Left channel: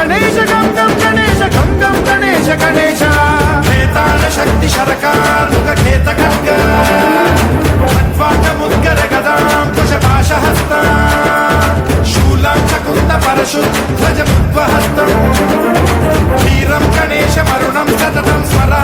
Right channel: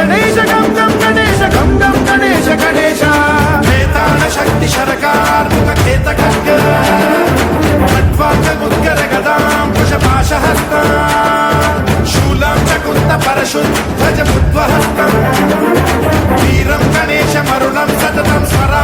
గణేశ గం గం గణేశ గం గం గణేశ గణేశ వేతాళ శక్తి శరకార్ ఖేత ఖడ్గ ముద్గర గదాం కుశపాశహస్తం శూలం చకుంత పరశుం ధ్వజముద్వహస్తం వీరం గణేశ వరుణం సతతం స్వరా